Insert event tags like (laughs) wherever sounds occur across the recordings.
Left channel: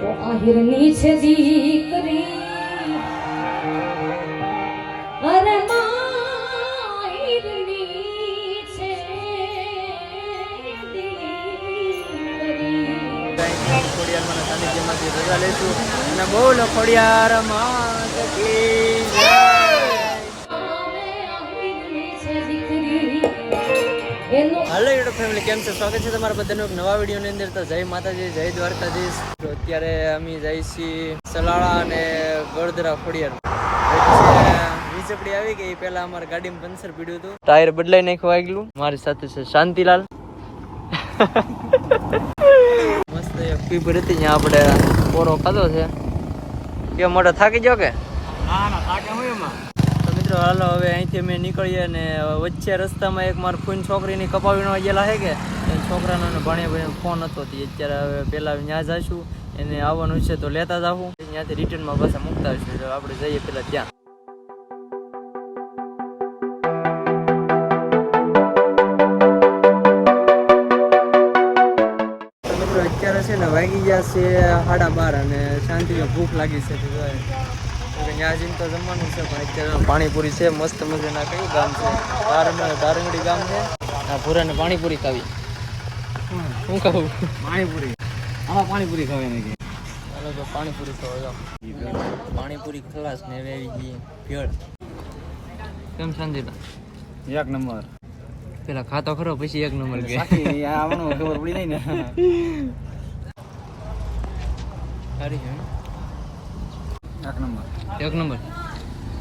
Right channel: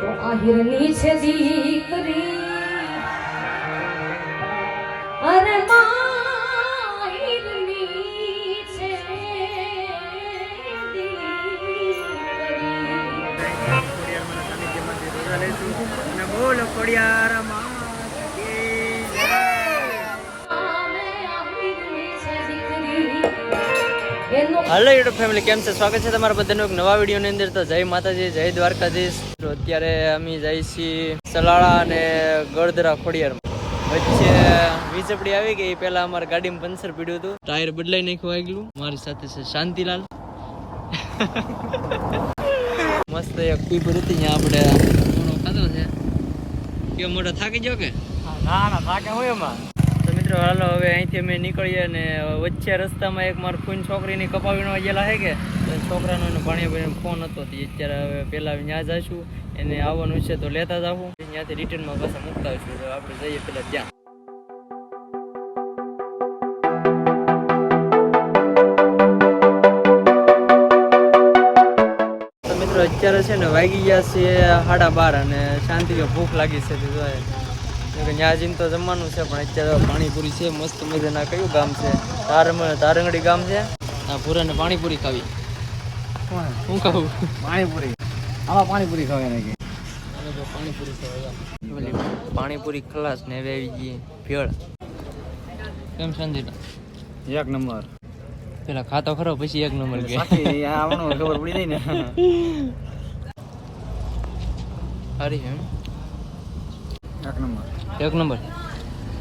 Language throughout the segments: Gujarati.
તો અરે માહિરની છે દીકરી. ખોડિયાર મને સાનિધ્યમાંથી રજા લઈશું અને બોલો ખોડિયાર માં જય હાલો યુટ્યુબ ફેમિલી કેમ છે? સ્વાગત છે તમારા બધાનું એક નવા વિડીયોની અંદર. તો જય માતાજી, જય દ્વારકાધીશ. તો અત્યારે અમે જઈ છીએ સલાળા અને ગળદરા ખોડિયાર. વચ્ચે વીજપડી આવી ગઈ. પહેલા અમારે ગાડીમાં પંચર પીડ્યું હતું. ટાયર બદલાઈ નાખ્યું આગલું. મારી સાથે છે શાંતિલાલ. (laughs) મસ્ત એક પીપર હતી. ત્યાં આપણે પોરો ખાધો છે. કે મોટો થાકી ગયો કે? તો મિત્રો, હાલો, હવે અહીંથી અમે નીકળીએ ને વચ્ચે રસ્તામાં એક મારા ફૂન છોકરીની કપાવીનો ગયેલા છે કે? છોકરાનો ને ભાણિયા ફોન હતો. તે અત્યારે હવે પહેલા ત્યાં જઈશું એને આવવાનું છે તો લેતા જાવું ત્યાંથી રિટર્નમાં પાછા મૂકતા હશું તો આપણે જઈએ પેલા ત્યાં. અત્યારે છે ને વાગી ગયા છે સાડા બાર અને શાંતિમાં ભૂખ લાગી છે. જોઈએ. ત્યાં જઈને તો જમવાનું છે પણ અત્યારે પાણીપુરી છે મસ્ત મજાના કયું ગામ છે? તારમણ તારંગડી ગામ છે. આ પૂરાને પાણીપુરી ખાવી. શું ખાવું પાણીપુરી. આમાં પાણીપુરી ખાવાની ચાલો તો પાણીપુરી ખાવા પાણીપુરી ખલાસ ને વેવી ભેળ. કેમ સંજીતા એક નંબર. પેલા ખાતો ખરો પછી એક નંબર કે. આવવાનું ખબર પડી જાય ને. સારી છે એક નંબર. એક નંબર.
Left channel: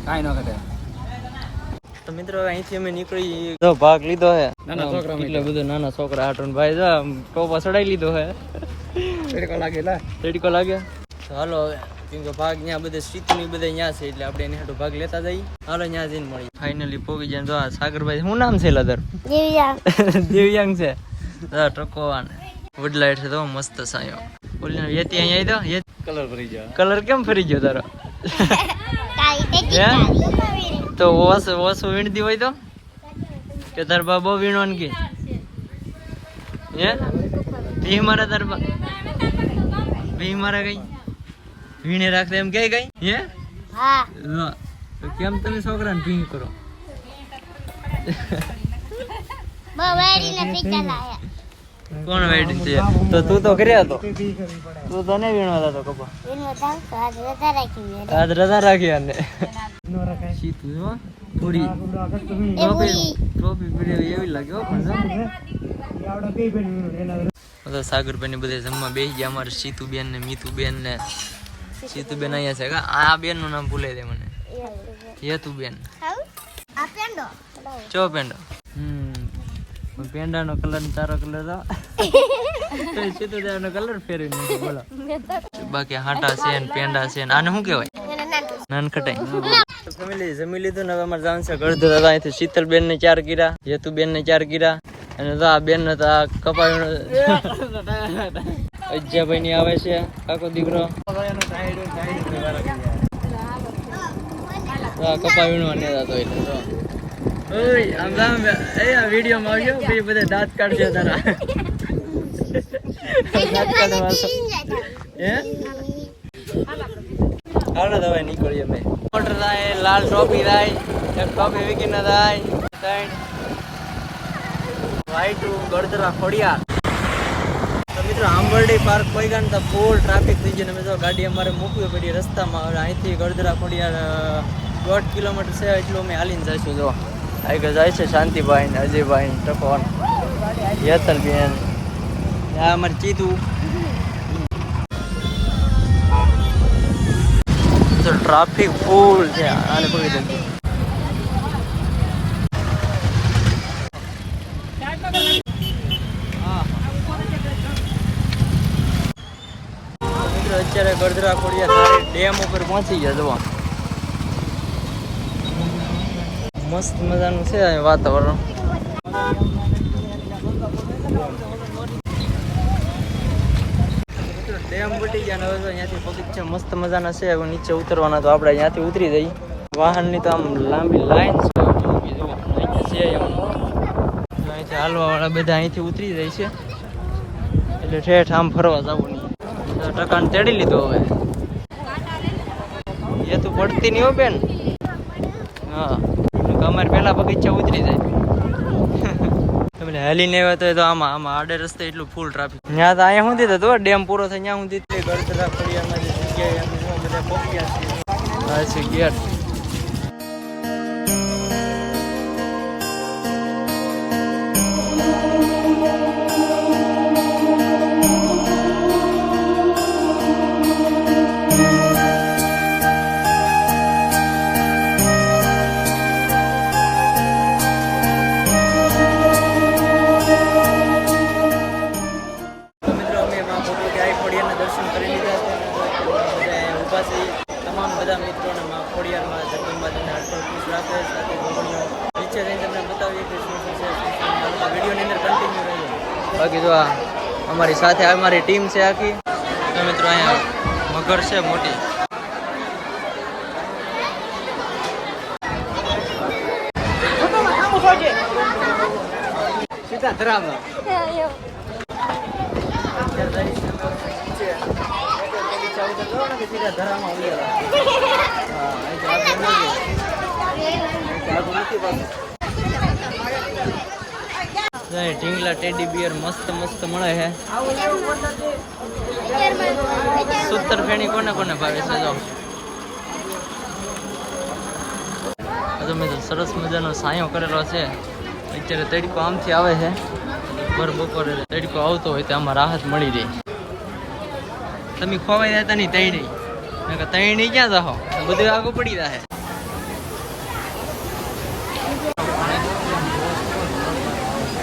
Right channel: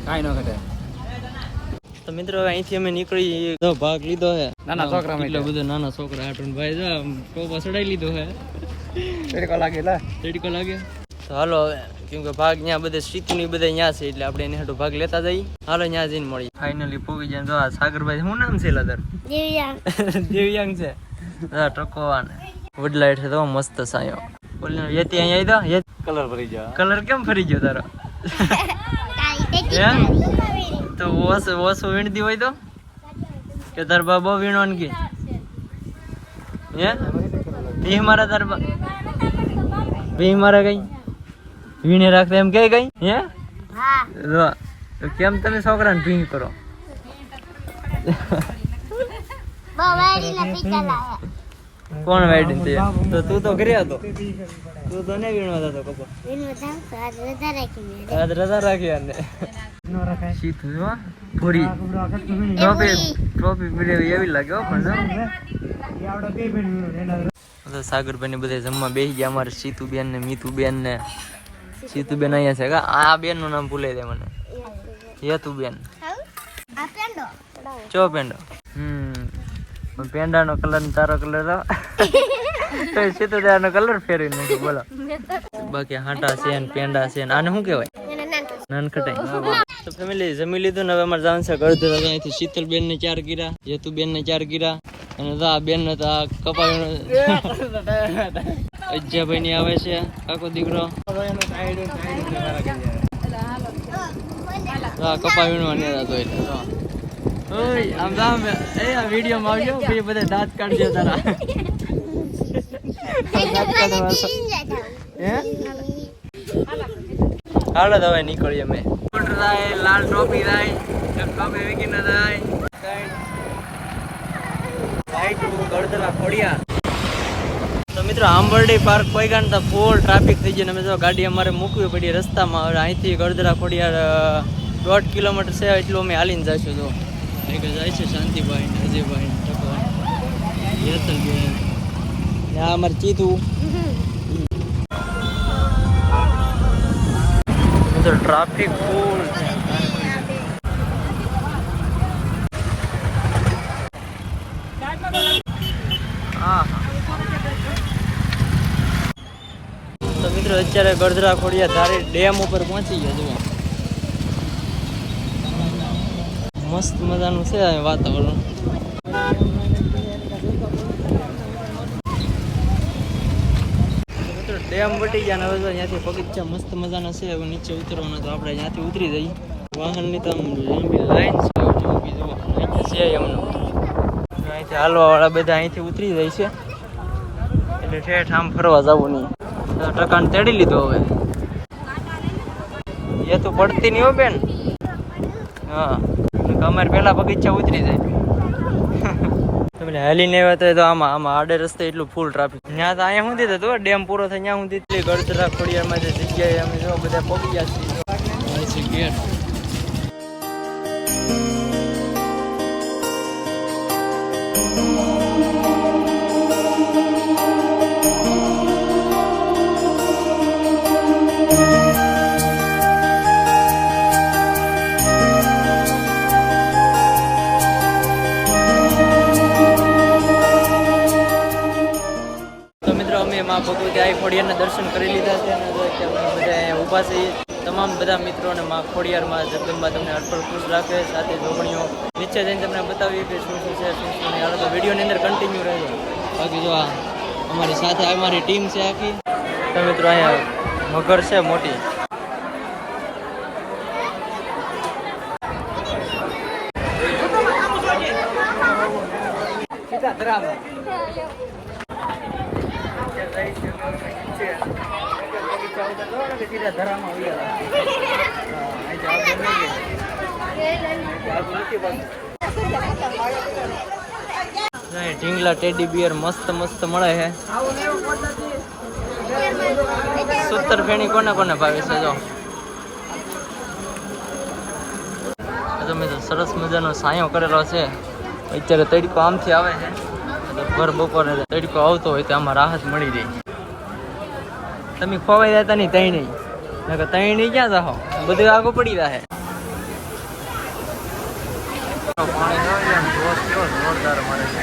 કાંઈ ન ઘટે. તો મિત્રો અહીંથી અમે નીકળી. તો ભાગ લીધો હે. નાના છોકરા કેટલો બધો નાના છોકરા આટોન ભાઈ જો ટોપા ચડાઈ લીધો હે. તડકો લાગે લે. તડકો લાગે. તો હાલો હવે કેમ કે ભાગ ત્યાં બધે સીટની બધા ત્યાં છે એટલે આપણે એની ભાગ લેતા જઈએ. હાલો ત્યાં જઈને મળી ફાઇનલી પોગી જાય તો આ સાગરભાઈ શું નામ છે લદર (laughs) દિવ્યાંગ. છે. હા ટકોવાને. વડલાઈટ છે તો મસ્ત સાયો. ઓલી યતી અહીંયા આવી તો કલર ભરી જાય કલર કેમ ફરી ગયો તારો? હે? તો ઓસ ઓસો વીણતી હોય તો? કે તાર બા બહુ વીણવાનું કે? હે? ભી મારા તાર ભી મારા કઈ? વીણે રાખતા એમ કે કઈ? હે? લો તો કેમ તમે છોકરાને ભીંગ કરો? કોણ વેડિંગ છે? તો તું તો ઘરે હતો. તું તો નહીં વીણવા જતો કપા. આજ રજા રાખી અને સીતું જો પૂરી. ટ્રોફી ટ્રોફી પીડી એવી લાગે હો પણ તો સાગરભાઈ ને બધા જમવા બેસી ગયા અમારે સીતુબેન ને મીતુબેન ને. સીતુબેન અહીંયા છે. આ બેનનું નામ ભૂલે દે મને. હેતુબેન. ચો પેંડો? પેંડા નો કલર ને તારો કલર તો સીતુબેન નો કલર ફેરવી નાખ્યો બોલો. બાકી હાટા છે ને પેંડા છે ને આને શું કહેવાય? નાનખટાઈ. તો ફેમિલી જમી લીધું ને હવે અમારે જવાનું છે ગળધર હતા અહીંથી શીતલબેન ને ચાર કીરા હેતુબેન ને ચાર કીરા અને તો આ બેન ને તો આ કપાવીનો (laughs) અજ્જાભાઈ ની આવે છે કાકો દીકરો. તો આ કપાવીનો અને તો એટલે ઓય, આમ એ આ વિડિયો માં આવજો પછી બધા દાંત કાઢજો તારા. હાલો તો હવે નીકળીએ અમે. મોટર થાય લાલ ટોપી એક ટોપી વિકી ના થાય વાઈટ ગળદરા ખોડિયા તો મિત્રો, આંબરડી પાર્ક કોઈ તો ફૂલ ટ્રાફિક થઈ ગયો. ને જો ગાડી અમારે મૂકવી પડી રસ્તામાં. હવે અહીંથી ગળદરા ખોડિયાર દોઢ કિલોમીટર છે, એટલું અમે હાલીને જઈશું, જો. આગળ જાય છે શાંતિભાઈ ને અજયભાઈ ને ટકોર. યતનબેન. આ અમારે ચીતું. ટ્રાફિક ફૂલ છે. આને મિત્રો, અત્યારે ગળદરા ખોડિયા ધારી ડેમ ઉપર પહોંચી ગયા, જુઓ. મસ્ત મજાનું છે અહીં વાતાવરણ. ડેમ વટી ગયા મસ્ત મજાના છે. નીચે ઉતરવાના તો આપણે અહીંયાથી ઉતરી જઈએ. વાહનની તો આમ લાંબી લાઈન છે. ઊભી અહીંથી છે એમનું. અહીંથી હાલવા બધા અહીંથી ઉતરી જાય છે. એટલે ઠેઠ આમ ફરવા જવું નહીં. ટકાને તેડી લીધો હવે. એ તો પડતી નહીં હો બેન. હા. અમારે પેલા બગીચા ઉતરી જાય. તમે હેલીને આવ્યા તો એ તો આમાં આમાં આડે રસ્તે એટલું ફૂલ ટ્રાફિક ત્યાં તો અહીંયા સુધી તો ડેમ પૂરો થાય ત્યાં સુધી એટલી ગળચરા ફળિયામાં જે જગ્યાએ અમે જો બધા પહોંચી ગયા છીએ ગેટ. મા ભગવતી આઈ ખોડિયારના દર્શન કરી લીધા છે. બધા ઊભા છીએ તમામ બધા મિત્રોને મા ખોડિયારમાં જગદંબા તમને અટપળ ખુશ રાખે. સાથે જોગણીઓ નીચે જઈને તમને બતાવીએ કે શું શું છે શું શું નહીં. તો વિડીયોની અંદર કન્ટિન્યુ રહેજો. બાકી જો આ અમારી સાથે અમારી ટીમ છે આખી. તો મિત્રો અહીંયા મગર છે મોટી. સીધા ધરામાં ઢીંગલા ટેડી બિયર મસ્ત મસ્ત મળે છે સત્તર ફેણી કોને કોને ભાવે છે, જો. સરસ મજાનો સાયો કરેલો છે. અત્યારે તડકો આમથી આવે છે. ભર બપોરે તડકો આવતો હોય તો આમાં રાહત મળી જાય તમે ખોવાઈ જતા નહીં તઈ નહીં. નકર તઈ નહીં ક્યાં જાહો? બધું આગળ પડી જાય પાણી જો ને આમ જોશ જોશ જોરદાર મળે છે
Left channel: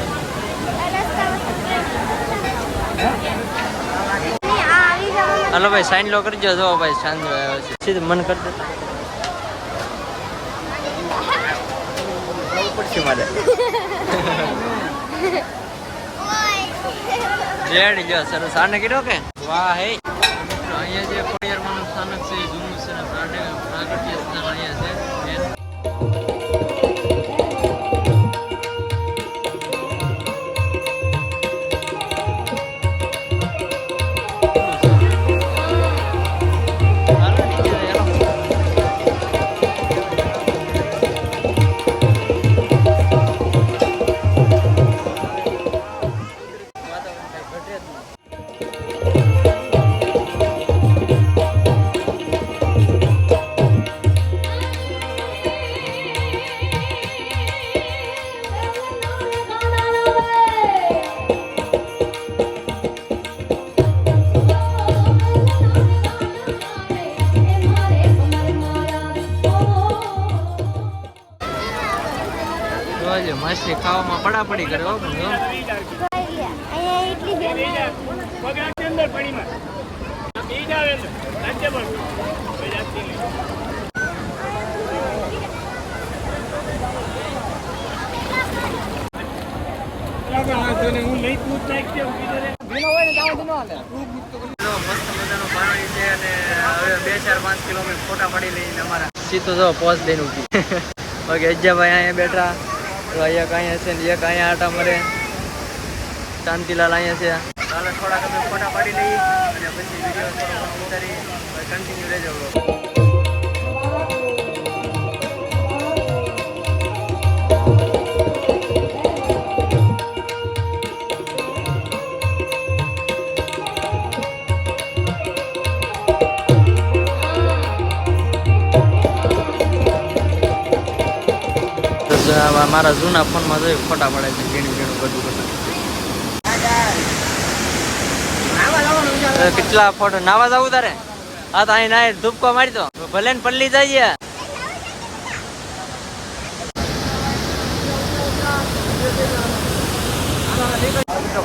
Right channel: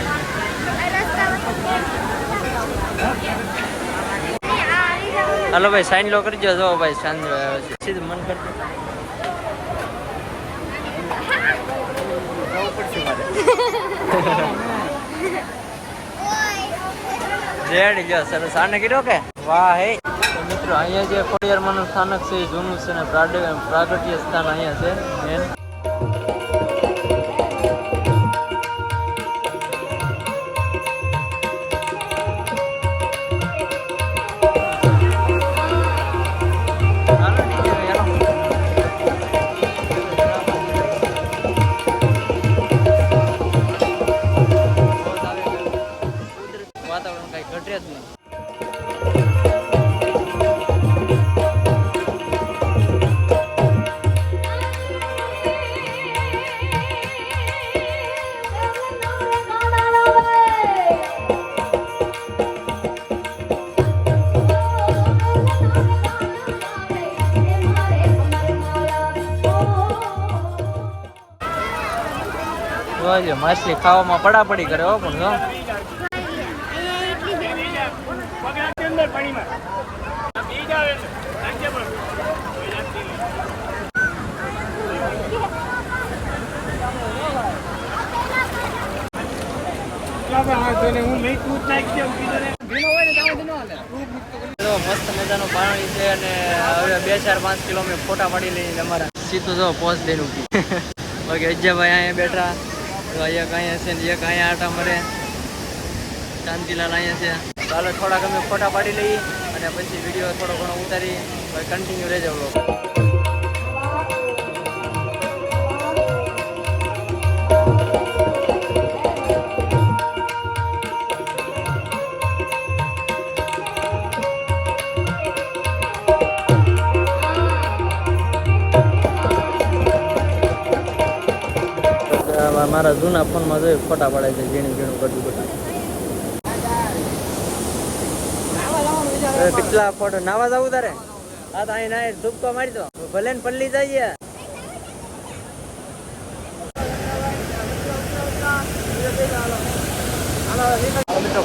હાલો ભાઈ સાઈન લો કરજો જો ભાઈ સાંજ સીધું મન કરી દે. (laughs) જવું પડશે મારે. (laughs) રેડી, જો, સરસ. આને કીધો કે? વાહ, હે. મિત્રો, અહીંયા જે ખોડિયારમાંનું સ્થાનક છે જૂનું છે ને પ્રાગટ્ય સ્થાન અહીંયા છે મેન જોજો માછલી ખાવામાં પડાપડી કરે હો પણ મસ્ત મજાનું પાણી છે અને હવે બે ચાર પાંચ કિલો મેં ફોટા પાડી લઈને અમારા. સીધો જો પોસ્ટ દઈને ઊભી બાકી અજ્જાભાઈ અહીંયા બેઠા. તો અહીંયા કાંઈ હશે ને એક અહીંયા આટા મરે. શાંતિલાલ અહીંયા છે. ચાલો થોડાક અમે ફોટા પાડી લઈએ અને પછી વીડિયો થોડો ઘણો ઉતારી કન્ટિન્યુ રહેજો મારા જૂના ફોનમાં જોઈ ફોટા પડે છે, ઝીણું ઝીણું ગટું ગટું કેટલા ફોટો? નાવા જવું તારે? હા, તો અહીં નાય ધૂપકો મારી દો. ભલે ને પલ્લી જઈએ.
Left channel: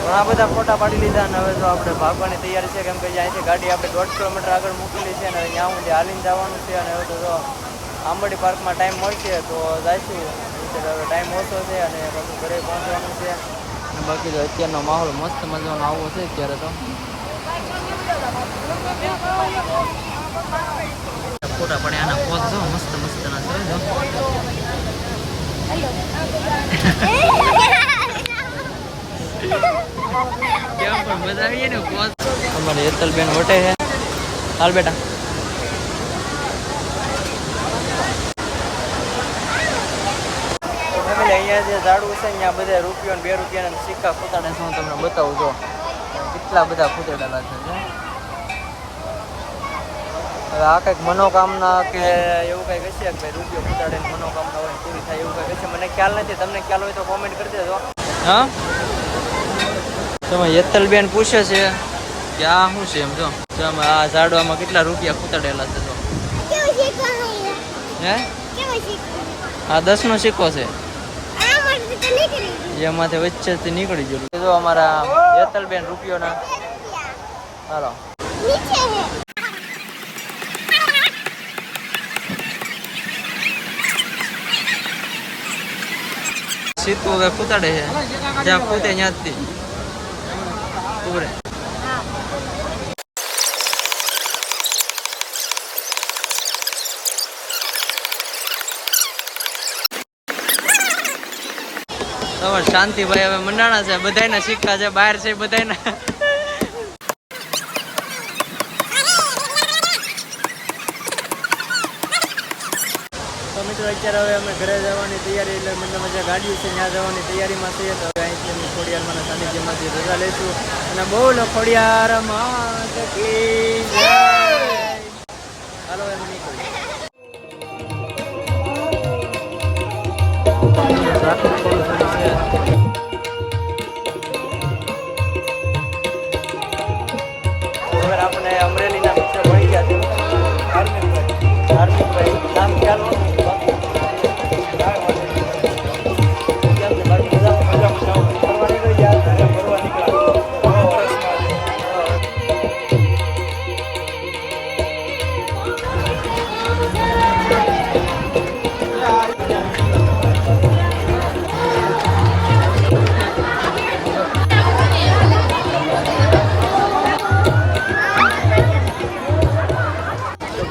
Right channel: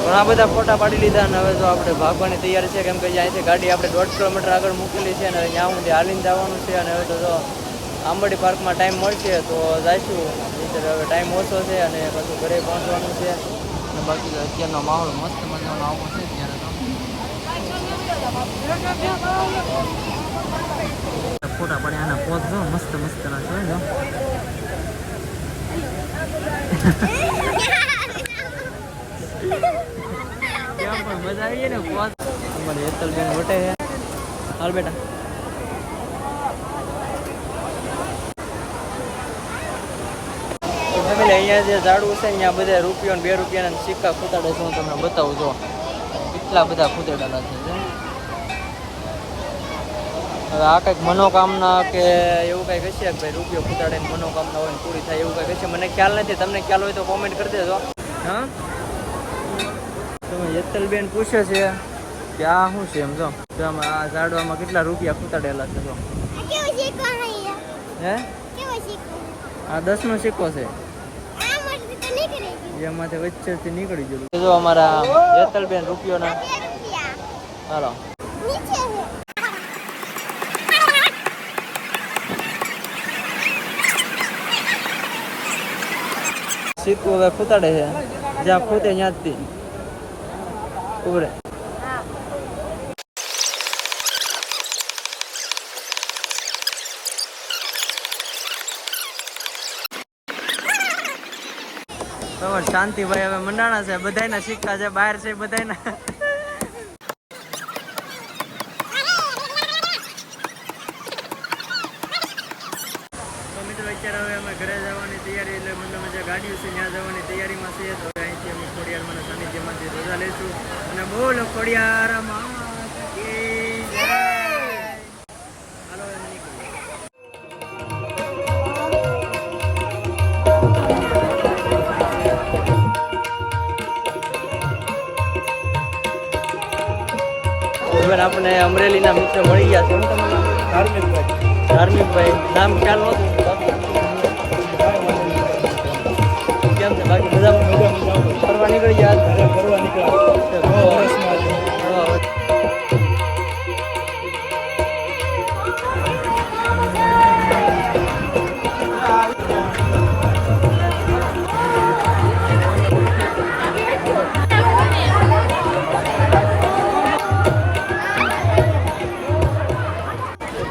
ઘણા બધા ફોટા પાડી લીધા અને હવે તો આપણે ભાગવાની તૈયારી છે. કેમ કે અહીંથી ગાડી આપણે દોઢ કિલોમીટર આગળ મૂકેલી છે અને ત્યાં સુધી હાલીને જવાનું છે અને હવે તો જો આંબડી પાર્કમાં ટાઈમ મળશે તો જઈશું. હવે ટાઈમ ઓછો છે અને પાછું ઘરે પહોંચવાનું છે. અને બાકી અત્યારનો માહોલ મસ્ત મજાનો આવો છે અત્યારે તો. ફોટા પડે આના પોત જો મસ્ત મસ્ત ના છે જો. કેમ પણ મજા આવીએ ને પોત તો અમારી હેતલબેન વટે છે. હાલ બેટા તો ફેમિલી અહીંયા જે ઝાડવું છે અહીંયા બધા રૂપિયો બે રૂપિયાના સિક્કા ફૂટાડે છે હું તમને બતાવું જો. કેટલા બધા ફૂટાડવાના છે હવે આ કંઈક મનોકામના કે એવું કંઈક હશે કે ભાઈ રૂપિયો ફૂટાડે મનોકામના હોય પૂરી થાય એવું કંઈક હશે? મને ખ્યાલ નથી તમને ખ્યાલ હોય તો કોમેન્ટ કરી દેજો. હા? તમે યત્તલબેન પૂછે છે કે આ શું છે એમ જો. તમે આ ઝાડવામાં કેટલા રૂપિયા ખૂટાડેલા છે જો. હે? આ દસ નો સિક્કો છે. એમાંથી વચ્ચેથી નીકળી ગયેલું. જો અમારા યત્તલબેન રૂપિયોના. ચાલો સીતું હવે ખૂતાડે છે. જ્યાં ખૂતે ત્યાંથી ઉભરે. તમારે શાંતિભાઈ હવે મંડાણા છે, બધાયના સિક્કા છે, બહાર છે, બધાયના. તો મિત્રો, અત્યારે હવે અમે ઘરે જવાની તૈયારી, એટલે મને મજા ગાડીઓ છે, ત્યાં જવાની તૈયારીમાં છીએ તો હવે અહીંથી અમે ખોડિયારમાં સાનિધ્યમાંથી રજા લઈશું. અને બોલો ખોડિયાર માં હાલો એમ નીકળીએ. આપણે અમરેલીના મિત્ર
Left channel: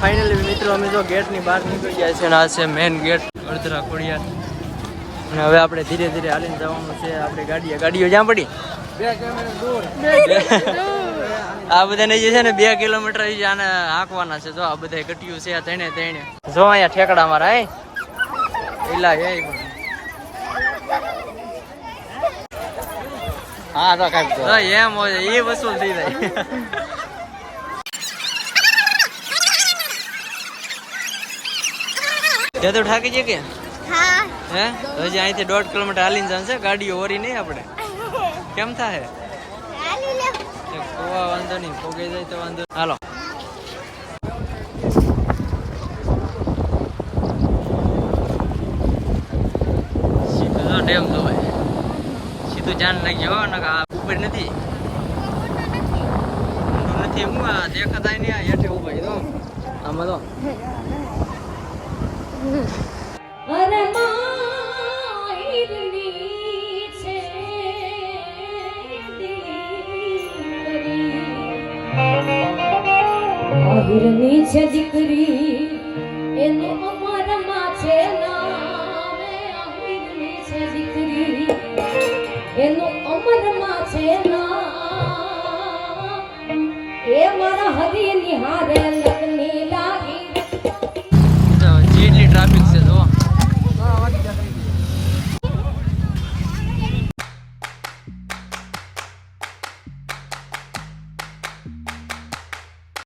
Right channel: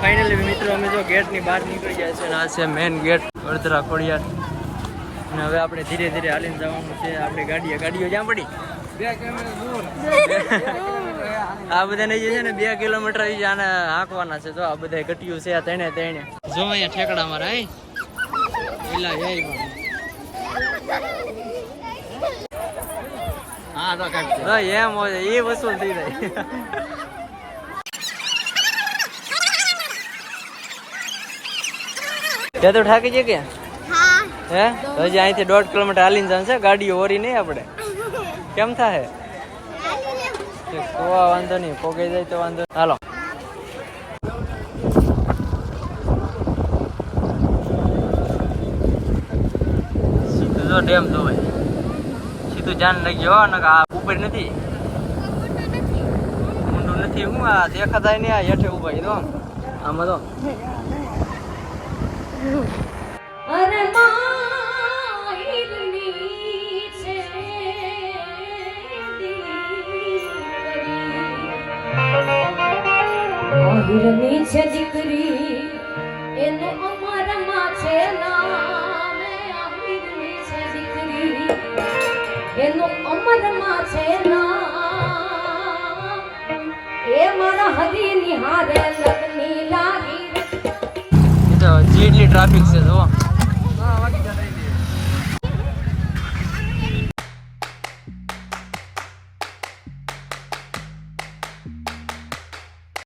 ફાઇનલી મિત્રો અમે જો ગેટની બહાર નીકળી ગયા છે અને આ છે મેઇન ગેટ વડોદરા ખોડિયાર. અને હવે આપણે ધીરે ધીરે હાલીને જવાનું છે આપણે ગાડીએ. ગાડીઓ જ્યાં પડી? આ બધાને જે છે ને બે કિલોમીટર ઈ આને હાંકવાના છે. જો આ બધા કટિયું છે આ તેને તેણે. જો અહીંયા ઠેકડા મારા હે? ઇલા હે હા તો કાંઈક જો એમ હોય એ વસૂલ થઈ જાય. ત્યાં તો ઠાકી છે કે હે. તો હજી અહીંથી દોઢ કિલોમીટર હાલીને જશે છે. ગાડીઓ ઓરી નહીં આપણે. (laughs) કેમ થાય કોવા વાંધો નહીં. પોગાઈ જાય તો વાંધો. હાલો. ડેમ જોવાય સીધું જાન લઈ ગયો ને આ ઉપર નથી. નથી. હું આ દેખાતા નહીં આ હેઠે ઊભા તો આમાં તો આહિરની છે દીકરી એનો અમરમાં છે નામે આહિરની છે દીકરી એનો અમરમાં છે નામ એ મારા હરી નિહારે ટ્રાફિક છે જો